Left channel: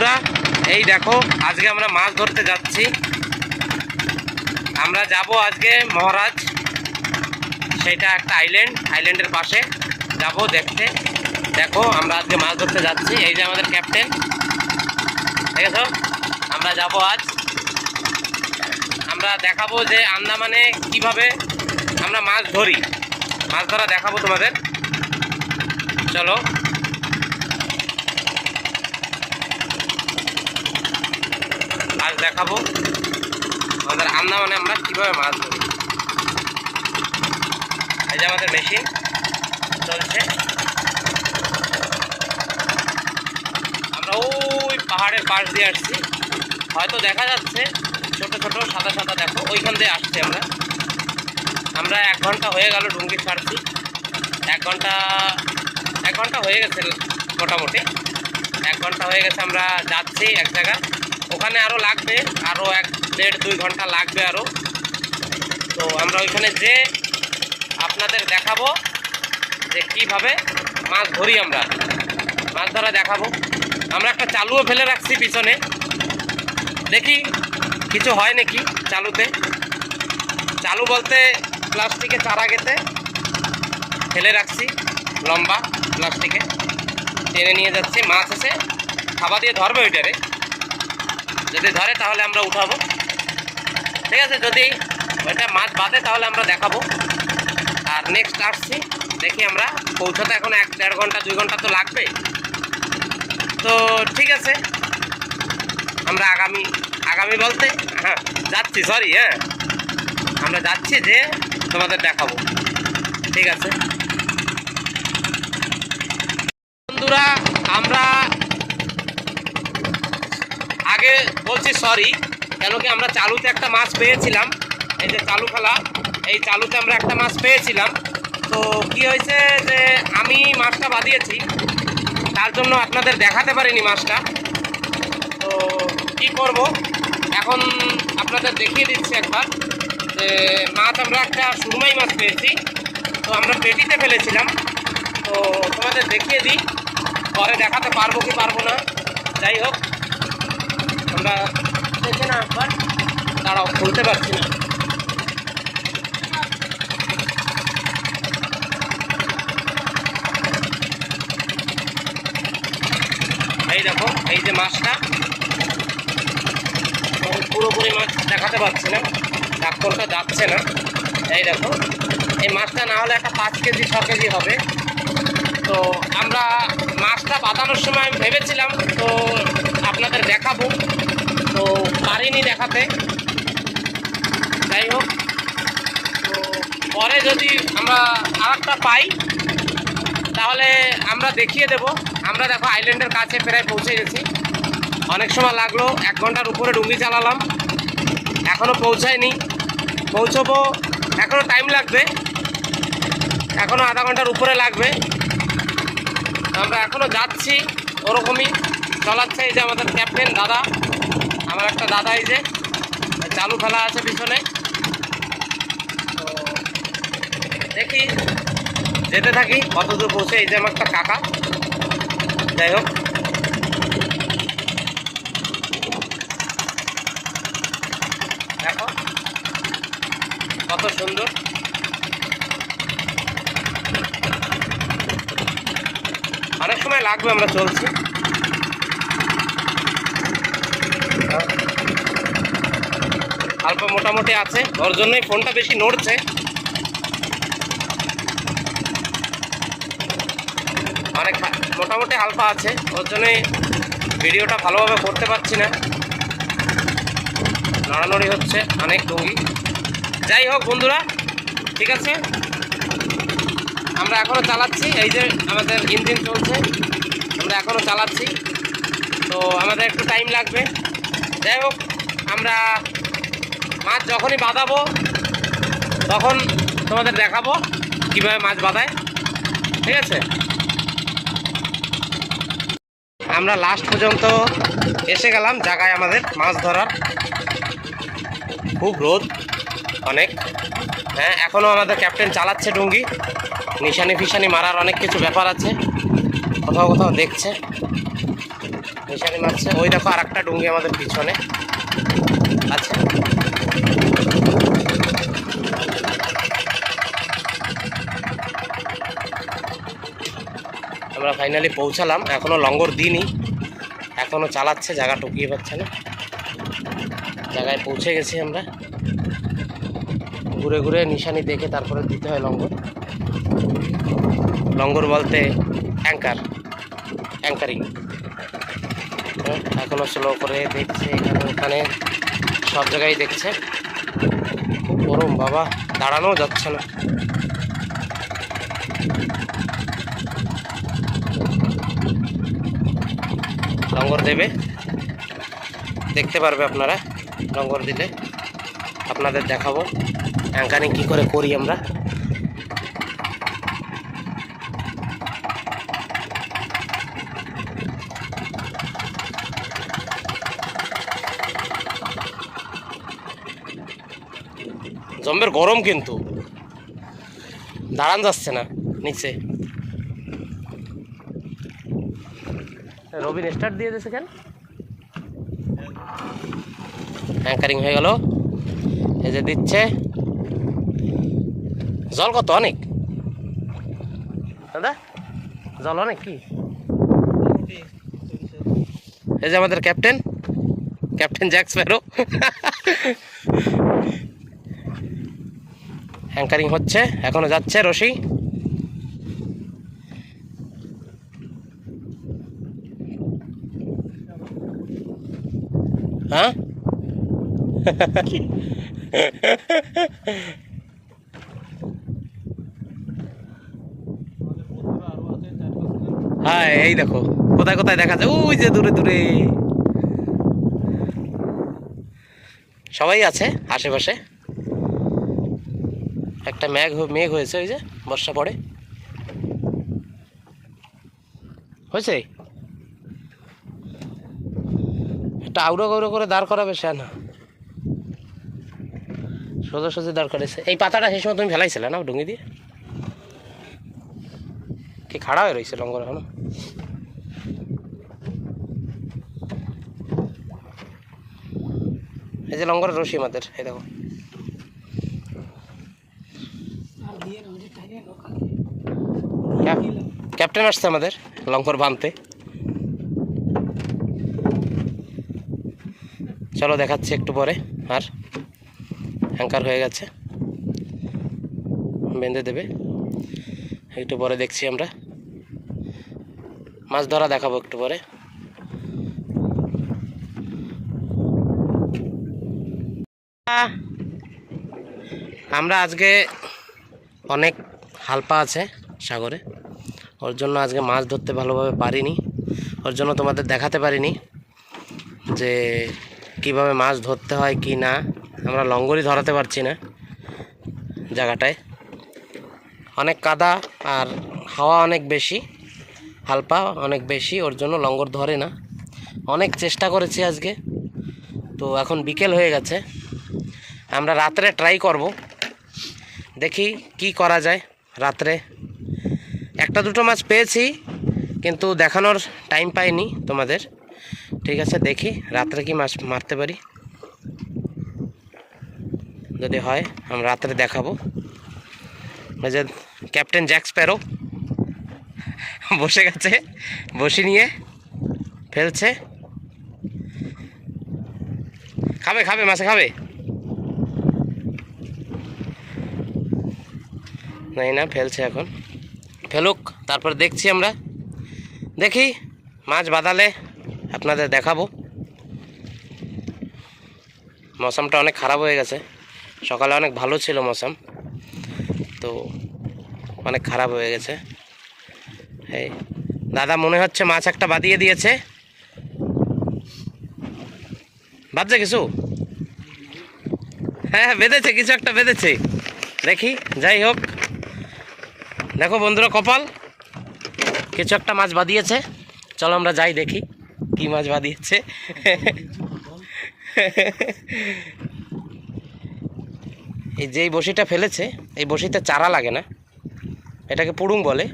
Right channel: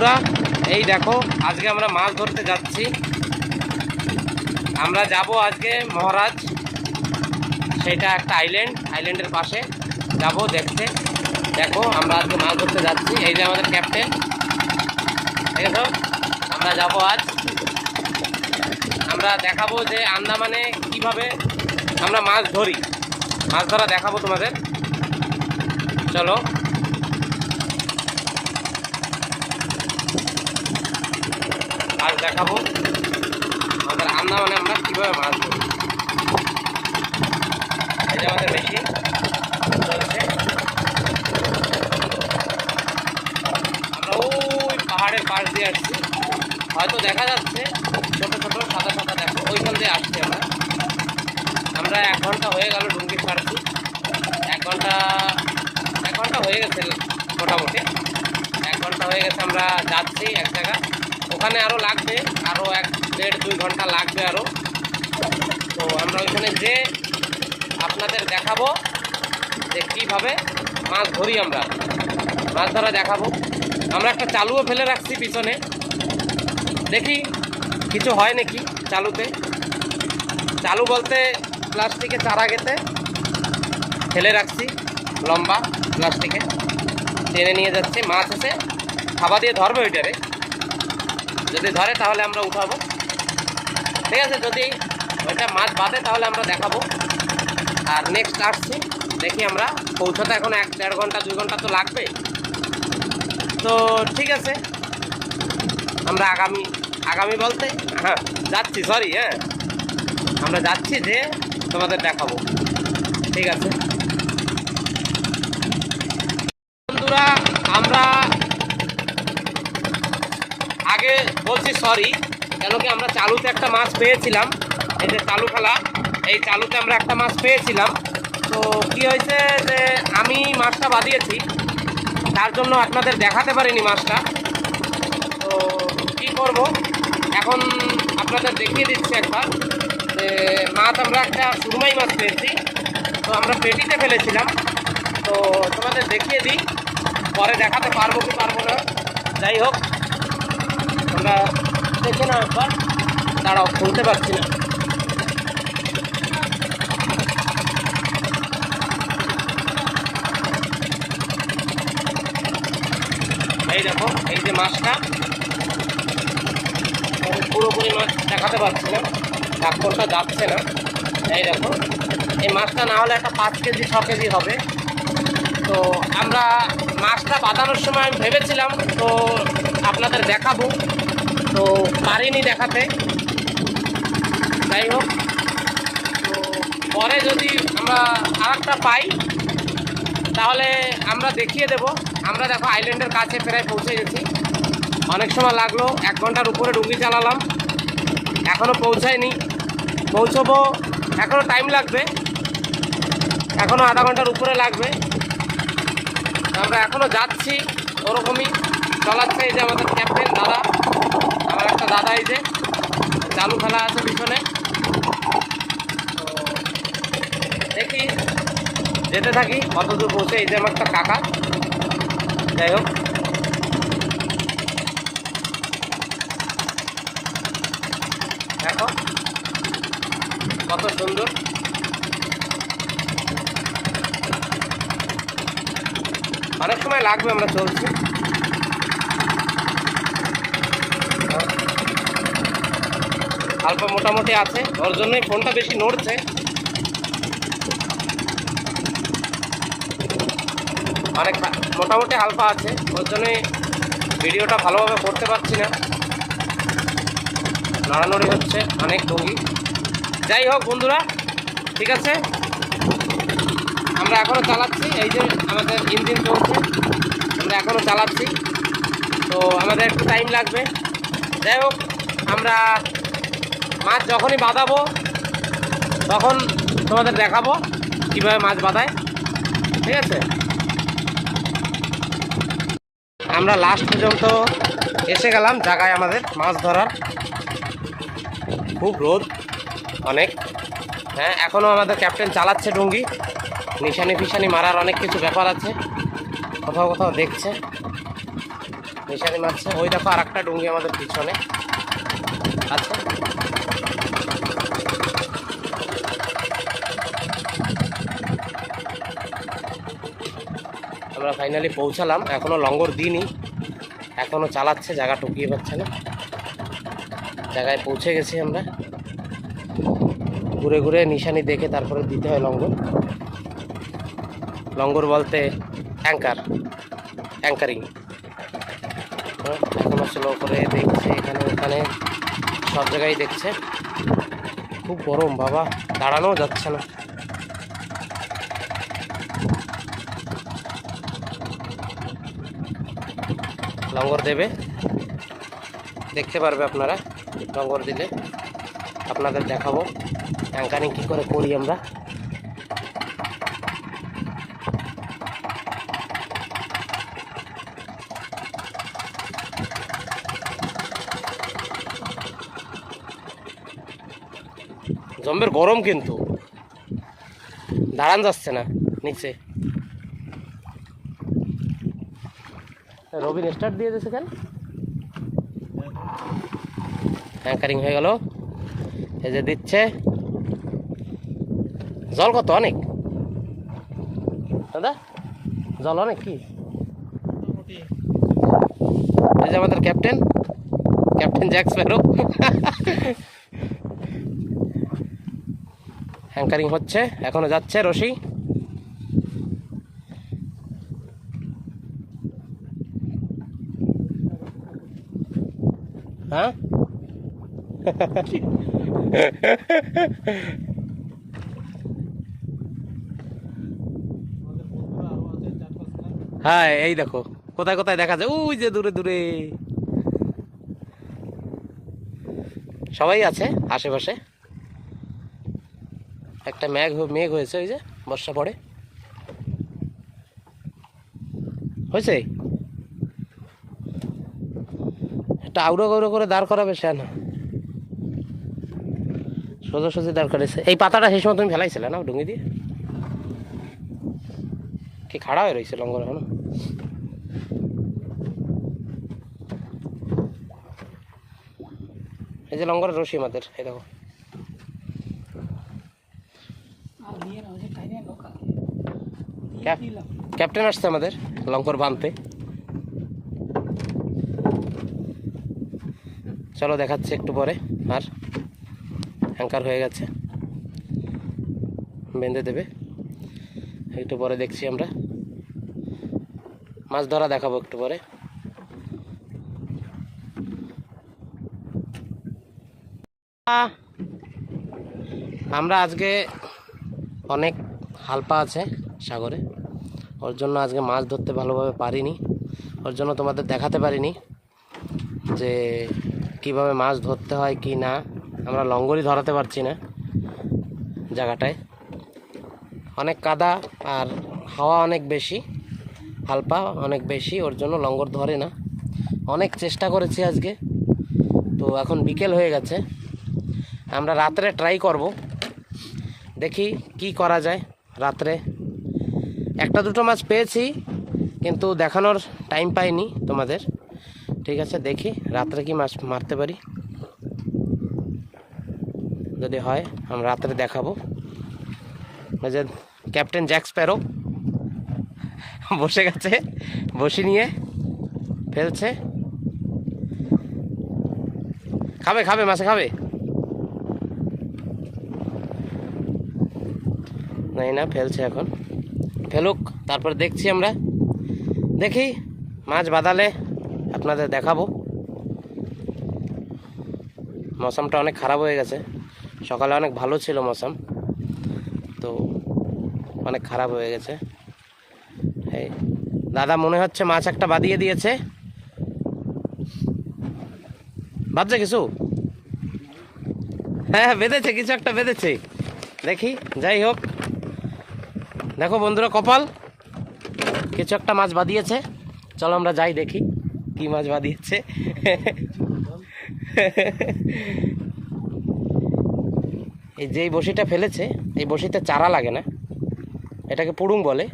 বন্ধুরা, এই দেখো আজকে আমরা মাছ ধরতে যাচ্ছি। আমরা যাব আজকে মহারাজ, সেটা একটা আইল্যান্ডের পাশে যাব দেখতে। দেখো আমরা আজকে মাছ ধরতে যাচ্ছি। এই যে আমাদের ক্যাপ্টেন, ঠিক আছে। আমরা যাব আজ, আমরা দেখাবো যে আন্দামানে কিভাবে আমরা মাছ ধরি, মাছ ধরা দেখাবো তোমাদের। চলো, আজ দেখাবো আমাদের আন্দামানে আমরা কীভাবে মাছ ধরি। এই যে আমাদের মেশিন চলছে। আমরা ওই পাহাড়ের পাশ দিয়ে আসছি, হয়তো দেখা যাচ্ছে ছোট ছোট সাদা সাদা, দেখো ওইখান দিয়ে আসছি আমরা 1 ঘন্টা হয়ে গেল ডুঙ্গি ছাড়ছি। 1 ঘন্টা হয়ে গেছে মোটামুটি, 1 ঘন্টা হয়ে গেছে। আমরা যাচ্ছি এক জায়গায়, ওখানে আরও লাগবে, আরও 1-1.5-2 ঘন্টা লাগবে আরও। তো আমরা ওইখানে যে আপনাদের দেখাবো যে কীভাবে মাছ ধরি, আমরা মাছ ধরা দেখাবো। আমরা একটা চালুও ফেলে রাখছি পিছনে, দেখি কিছু হয় নাকি চালুতে। চালু বলতে প্লাস্টিকে চারা গেতে ফেলে রাখছি, লম্বা প্লাস্টিকে টেনে নিয়ে যাচ্ছি। মাছ এসে খাবা দিয়ে ধরবে ওইটারে, যদি ধরে তাহলে আমরা উঠাবো, ঠিক আছে। যদি ওইটা মাছ বাঁধে তাহলে আমরা দেখাবো। আর নেক্সট আসছি, দেখি আমরা পৌঁছাতে এখন 1-1.5 ঘন্টা 2 ঘন্টা তো লাগবে। তো ঠিক আছে, আমরা আগামী বলতে যাচ্ছি, সরি, আমরা যাচ্ছি যে তোমাদের দেখাবো, ঠিক আছে বন্ধুরা। আমরা আগে বলছি সরি, কেন কি আমরা চালুতে একটা মাছ পেয়েছিলাম, এই যে চালু খেলা, এই চালুতে আমরা একটা মাছ পেয়েছিলাম। তো কি হয়েছে যে আমি মাছটা বাঁধিয়েছি, তার জন্য আপনাদের দেখাতে পারিনি মাছটা। তো কি করব, এখন আপনাদের দেখিয়ে দিচ্ছি একবার যে মাছ আমরা একটা সুরমাই মাছ পেয়েছি। তো আমরা পেটিতে ফেলেছিলাম, তো তোমাদের দেখিয়ে দিই, পরে দেখাতে পারবো কি পারবো না। যাই হোক, আমরা দেখে না একবার, তারাও খুলতে পারছি না। এই দেখো, এই যে মাছটা, পুরোপুরি মাছ দেখাতে পারছি না, ঢাকনটা যাচ্ছে না। এই দেখো, এই মাছটা না হলে একটা 5 কেজি 6 কেজি হবে। তো আমরা মাছটা বাঁধানোর সময় আমি ভেবেছিলাম তো আপনাদের দেখাবো, তো পারিনি দেখাতে। যাই হোক, তো পরে যদি আমরা আরেকটা পাই তাহলে আমরা দেখিয়ে দেব। আমরা দেখো আইল্যান্ডের কাছে প্রায় পৌঁছে গেছি, অনেক সময় লাগলো, 1 ঘন্টার উপরে ডুঙ্গি চালালাম, এখনও পৌঁছায়নি। পৌঁছবো, এখনও টাইম লাগবে, এখনও আধা ঘন্টার উপরে লাগবে। আমরা এখনও যাচ্ছি, ওরকমই চলাচ্ছে। এই যে আমাদের ক্যাপ্টেন দাদা, আমার একটা দাদা, এই যে চালু খেলা আছে পিছনে। তো দেখি, যেতে থাকি কত দূর পৌঁছে। এই যে আমার একটা কাকা, যাই হোক, দেখো কত সুন্দর। অনেক সময় লাগবে, আমরা চলছি। অল্প মোটামুটি আছে, ওর জন্যই ফোনটা বেশি নড়ছে। অনেক মোটামুটি হালকা আছে, ওর জন্যই ভিডিওটা ভালোভাবে করতে পারছি না, নড়ানড়ি হচ্ছে অনেক ডুঙ্গি। যাই হোক বন্ধুরা, ঠিক আছে, আমরা এখনও চালাচ্ছি। এই যে আমাদের ইঞ্জিন চলছে, আমরা এখনও চালাচ্ছি, তো আমাদের একটু টাইম লাগবে। যাই হোক, আমরা মাছ যখনই বাঁধাবো তখন তোমাদের দেখাবো কীভাবে মাছ বাঁধায়, ঠিক আছে। আমরা লাস্ট পর্যন্ত এসে গেলাম জায়গায় আমাদের মাছ ধরার। খুব রোদ অনেক, এখনও আমাদের ক্যাপ্টেন চালাচ্ছে ডুঙ্গি, নিশানি ফিশানি মারার অনেক কিছু ব্যাপার আছে, কোথাও কোথাও দেখছে। নিশানি মারছে। ওই দেখো আর একটা ডুঙ্গি আমাদের পিছনে আছে। আমরা ফাইনালি পৌঁছালাম, এখনো লঙ্গর দিইনি, এখনো চালাচ্ছে, জায়গা টুকিয়ে পাচ্ছে না। জায়গায় পৌঁছে গেছি আমরা। ঘুরে ঘুরে নিশানি দেখে তারপরে দিতে হয় লঙ্গর। লঙ্গর বলতে অ্যাঙ্কারিং। এখনো স্লো করে দেখছি, এখানে ওখানে সব জায়গায় দেখছে। খুব গরম বাবা, দাঁড়ানোও যাচ্ছে না। লঙ্গর দেবে, দেখতে পারবে আপনারা। লঙ্গর দিলে আপনাদের দেখাবো অ্যাঙ্কারিং কী করে করি আমরা। জম্বের গরম কিন্তু, দাঁড়ান যাচ্ছে না নিচে। রবিন স্টার্ট দিয়ে দিয়েছে কেন? অ্যাঙ্কারিং হয়ে গেল, এই যে দিচ্ছে। জল কত? অনেক দাদা, জল অনেক কি? এই যে আমাদের ক্যাপ্টেন জ্যাক স্প্যারো। অ্যাঙ্কারিং হচ্ছে, এখনো যাচ্ছে রশি। হ্যাঁ হ্যাঁ, এই দেখো কোথায় কোথায় দেখা যায়, ওই যে দূরে দূরে সবাই আছে আশেপাশে। একটা মেঘ হয়েছে, ওই যে বর্ষা পড়ে হয়েছে। একটা আউড়ো গৌড়ো করে দাঁড় করাবে, সে না সোজাসুজি দাঁড় করেছে। এই পাতাটা সেই সময় তুমি ফেলাইছিলে না ডুঙ্গি দিয়ে? কি খাড়া হয়ে রয়েছে লঙ্গর এখনো? এই যে লঙ্গরের রশি আমাদের, এই দেখো। ক্যাপ্টেন আসছে আমাদের লঙ্গর বাঁধতে। চলো দেখাচ্ছি একটু পরে। আর অ্যাঙ্কার হয়ে গেছে, বেঁধে দেবে একটু পরে। দেখছি আমরা মাছ ধরা দেখাবো একটু পরে। আমরা আজকে অনেক হালপা আছে সাগরে, ওর জন্য আজকে মাছ ধরতে ভালোভাবে পারিনি। ওর জন্য তোমাদের দেখাতে পারিনি যে কিভাবে মাছ ধরতে হয় কি না। আমরা লঙ্গরই ধরাতে পারছি না, জায়গাটায় অনেক কাদা আর হাওয়া অনেক বেশি, হালপা অনেক বেশি, ওর জন্য লঙ্গর ধরে না। অনেক চেষ্টা করেছি আজকে, তো এখন বিকেল হয়ে গেছে। আমরা রাত্রে ট্রাই করব, দেখি কি করা যায়। রাত্রে একটা দুটো মাছ পেয়েছি, কিন্তু দেখানোর টাইম পাইনি তোমাদের। ঠিক আছে, দেখি রাত্রে কি মাছ মারতে পারি। যদি হয় আমরা রাত্রে দেখাবো। ওই যে ক্যাপ্টেন জ্যাক স্প্যারো বসে গেছে, বসি নিয়ে ফেলছে। খাবে মাছে খাবে না, ফেলছে এখন, ফেলুক, তারপর দেখছি আমরা। দেখি মাছ বাঁধালে আপনাদের দেখাবো। মৌসুমটা অনেক খারাপ হয়ে গেছে, সকালে অনেক ভালো ছিল মৌসুম, তো অনেক খারাপ হয়ে গেছে। এই দাদা মনে হচ্ছে মাছ একটা বাঁধিয়ে দিয়েছে, বাঁধছে কিছু। হ্যাঁ বেঁধেছে, কিছু একটা বেঁধেছে। দেখি, যাই হোক, দেখো বন্ধুরা, কপাল কিছু একটা মাছ বাঁধিয়েছে। চলো আমরা যাই দেখি কি মাছ বাঁধিয়েছে। এই যেই বসিটা ফেলেছে, এই বসিতে চারা লাগে না, এটাকে পুড়ুং বলে।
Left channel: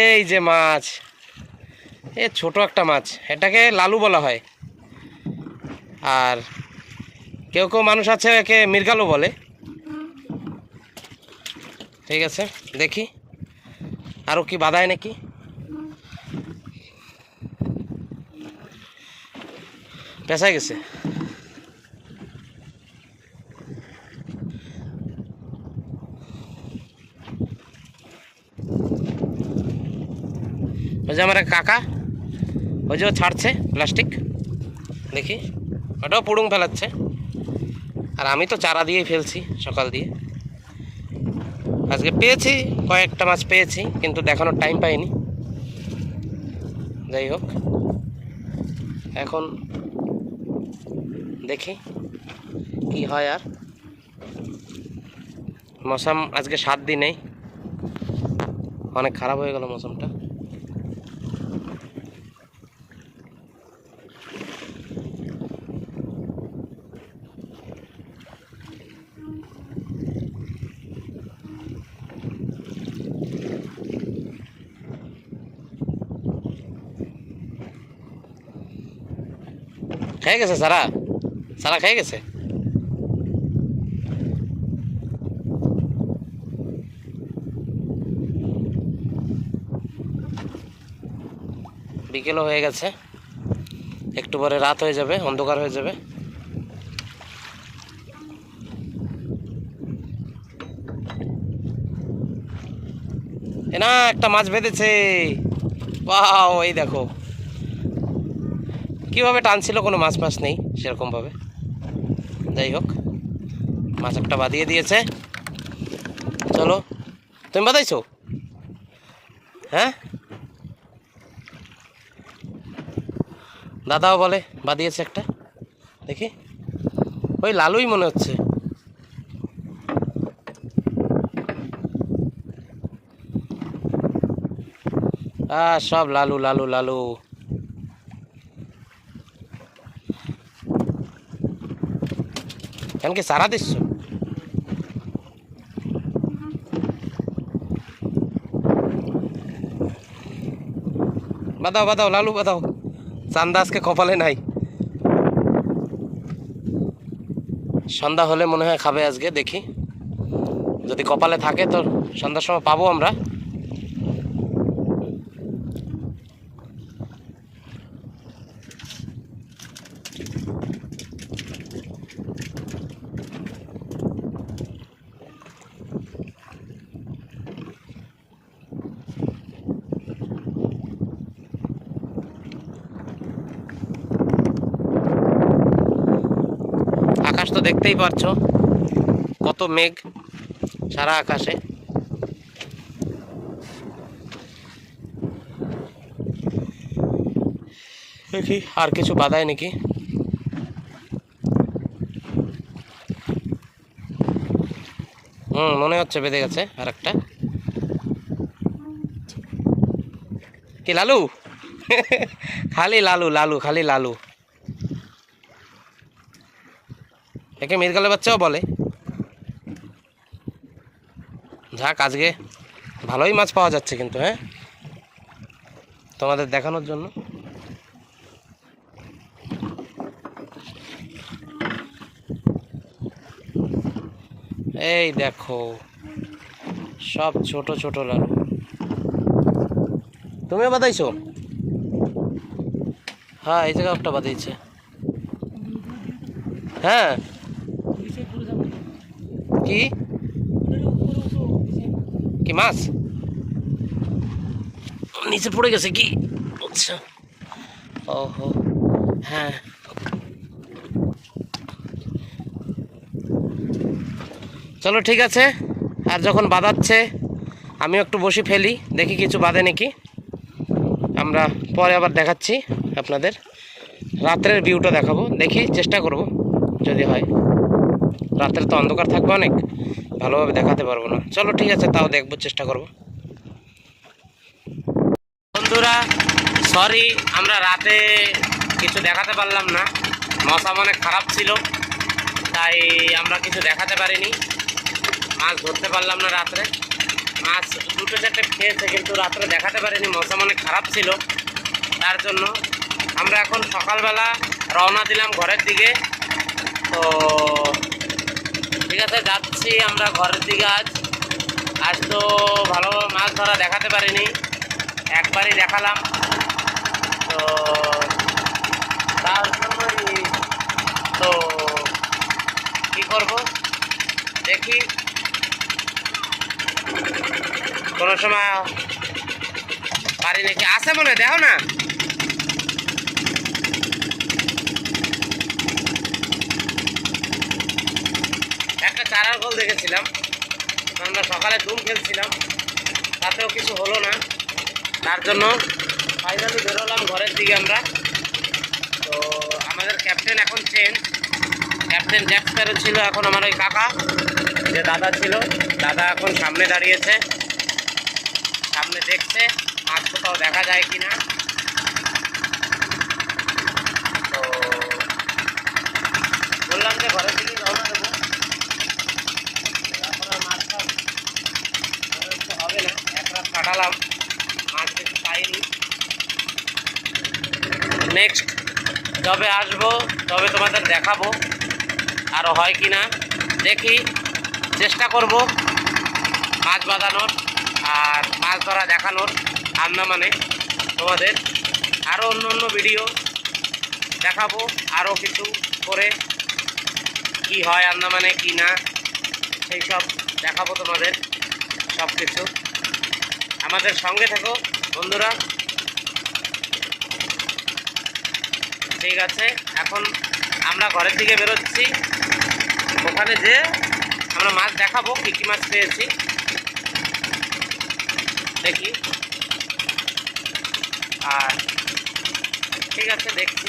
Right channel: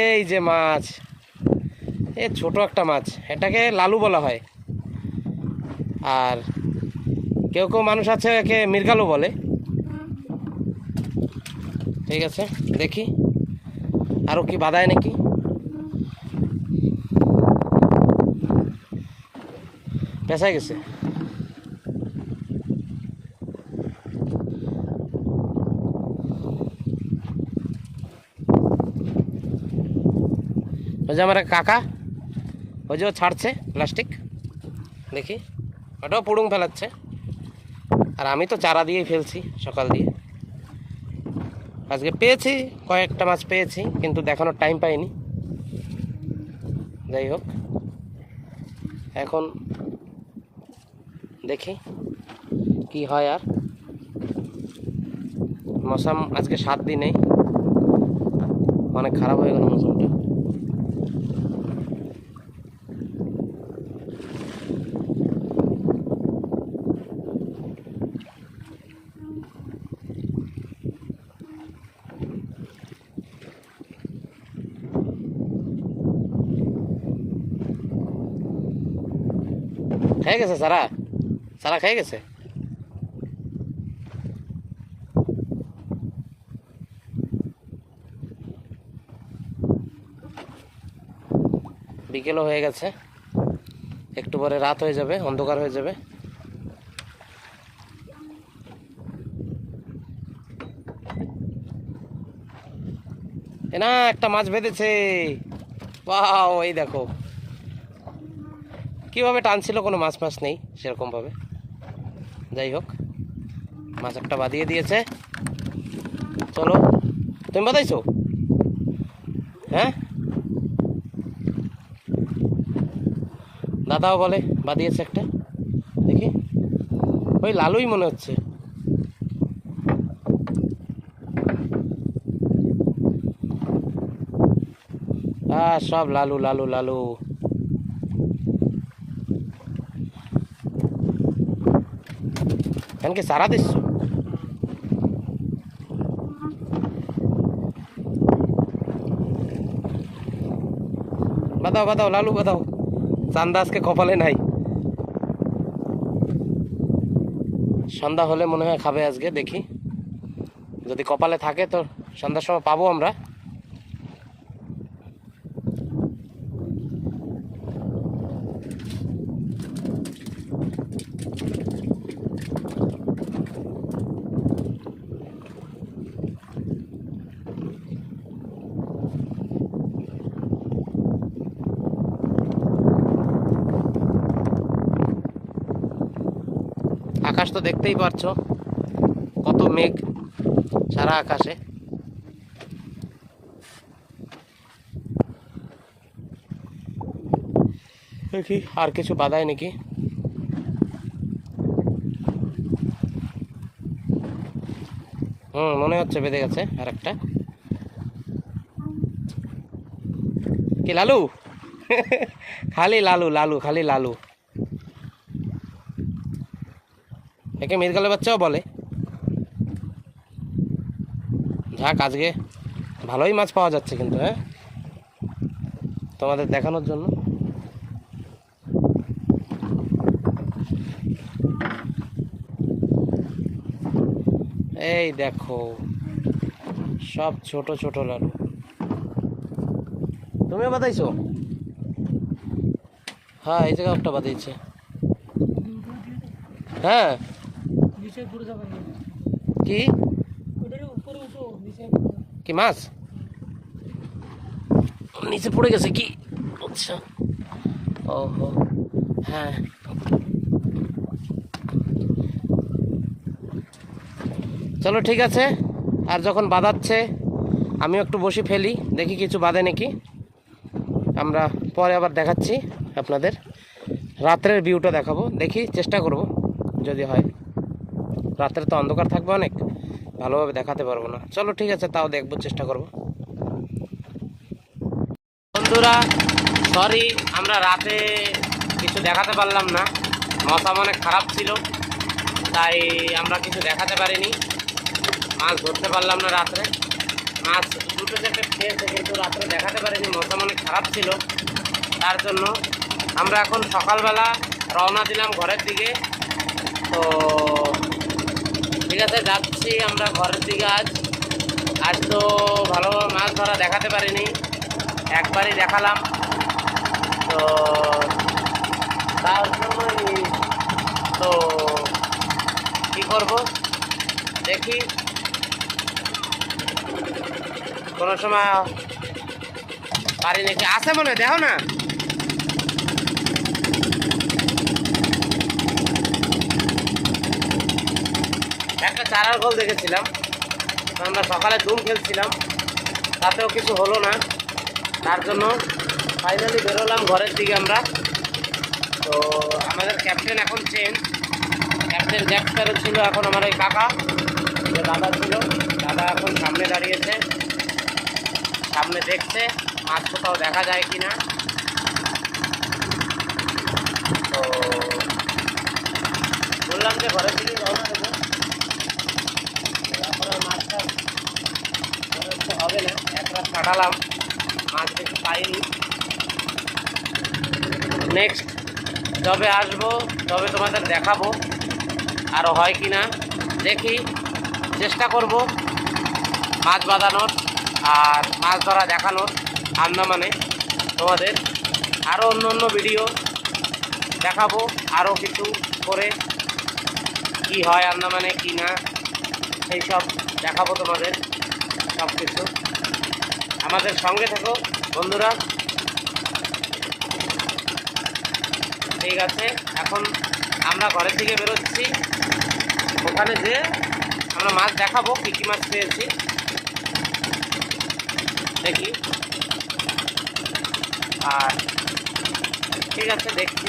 এই যে মাছ, এ ছোট একটা মাছ, এটাকে লালু বলা হয়। আর কেউ কেউ মানুষ আছে একে মৃগালও বলে। ঠিক আছে, দেখি আরও কি বাধায় নাকি। পেঁচাই গেছে। ওই যে আমার এক কাকা, ওই যে ও ছাড়ছে প্লাস্টিক, দেখি ওটাও পুড়ুং ফেলাচ্ছে। আর আমি তো চারা দিয়েই ফেলছি সকাল দিয়ে। আজকে পেয়েছি, কয়েকটা মাছ পেয়েছি, কিন্তু দেখানোর টাইম পাইনি। যাই হোক, এখন দেখি কি হয়। আর মৌসুম আজকে 7 দিনেই অনেক খারাপ হয়ে গেল মৌসুমটা। খেয়ে গেছে সারা, সারা খেয়ে গেছে। বিকেলও হয়ে গেছে, একটু পরে রাত হয়ে যাবে, অন্ধকার হয়ে যাবে। এ না, একটা মাছ বেঁধেছে। বাও, এই দেখো কিভাবে টানছিল, কোনো মাছ মাছ নেই সেরকমভাবে। যাই হোক, মাছ একটা বাঁধিয়ে দিয়েছে। চলো, তুমি বাঁধাইছো? হ্যাঁ, দাদাও বলে বাঁধিয়েছে একটা, দেখি। ওই লালুই মনে হচ্ছে। সব লালু লালু লালু। এখন কি সারা দিস? বাদাও বাদাও লালু বাদাও, চান্দা আজকে কপালে নাই। সন্ধ্যা হলে মনে হয় খাবে আজকে, দেখি যদি কপালে থাকে তো সন্ধ্যার সময় পাবো আমরা। আকাশ তো দেখতেই পারছো, কত মেঘ সারা আকাশে। দেখি আর কিছু বাধায় নাকি। মনে হচ্ছে বেঁধে গেছে আর একটা। কি লালু? খালি লালু লালু, খালি লালু। একে মৃগেলের বাচ্চাও বলে। যাক, আজকে ভালোই মাছ পাওয়া যাচ্ছে কিন্তু, হ্যাঁ, তোমাদের দেখানোর জন্য। এই দেখো সব ছোট ছোট লালু। তুমিও বাঁধাইছো? হ্যাঁ, এই জায়গায় একটা বাঁধিয়েছে। হ্যাঁ, কি কি মাছ নিচে পড়ে গেছে কি? আচ্ছা, ওহো, হ্যাঁ। চলো ঠিক আছে, আর যখন বাঁধাচ্ছে আমিও একটু বসে ফেলি, দেখি কিছু বাঁধে নাকি। আমরা পরে আবার দেখাচ্ছি আপনাদের, রাত্রের ভিউটা দেখাবো, দেখি চেষ্টা করব যদি হয়। রাত্রে তো অন্ধকার থাকবে, অনেক ভালোভাবে দেখাতে পারবো না। চলো ঠিক আছে, তাও দেখবো, চেষ্টা করব। বন্ধুরা সরি, আমরা রাতে কিছু দেখাতে পারলাম না, মৌসুম অনেক খারাপ ছিল, তাই আমরা কিছু দেখাতে পারিনি। মাছ ধরতে পারলাম না রাত্রে, মাছ 2-4টে খেয়েছে, কিন্তু রাত্রে দেখাতে পারিনি, মৌসুম অনেক খারাপ ছিল। তার জন্য আমরা এখন সকালবেলা রওনা দিলাম ঘরের দিকে। তো ঠিক আছে, যাচ্ছি আমরা ঘরের দিকে। আজ তো ভালো মাছ ধরা দেখাতে পারিনি, একবারই দেখালাম। তো তার জন্যই তো কী করবো দেখি, কোনো সময় পারি নাকি। আছে মনে দেখো না, একটা চারার গোল দেখেছিলাম। আমরা সকালে ডুম খেলছিলাম, তাতেও কিছু হলো না। তার জন্য ফাইনালি বেরোলাম ঘরের দিকে আমরা। তো আমাদের ক্যাপ্টেন এখন চেঞ্জ, ক্যাপ্টেন জ্যাকস্টারও ছিল এখন আমার ওই কাকা যে দাদা ছিল, দাদা এখন সামনে দাঁড়িয়েছে, সামনে দেখছে মাছ কোথাও দেখা যায় কি না। তো বললাম যে ঘরের দিকে রওনা দেবো, এখন আর মাছ টাছ হবে না, এক রাত কাটালাম, মাছ বেশি পাইনি। নেক্সট যবে আসবো তবে তোমাদের দেখাবো আরও হয় কি না। দেখি, চেষ্টা করব মাছ বাঁধানোর আর মাছ ধরা দেখানোর আন্দামানে। তোমাদের আরও অন্য অন্য ভিডিও দেখাবো, আরও কিছু করে কি হয় আন্দামানে কি না, সেই সব দেখাবো তোমাদের সব কিছু। আমাদের সঙ্গে থেকো বন্ধুরা। ঠিক আছে, এখন আমরা ঘরের দিকে বেরোচ্ছি, ওখানে যে আমরা মাছ দেখাবো কী কী মাছ পেয়েছি দেখি। আর ঠিক আছে, দেখছি।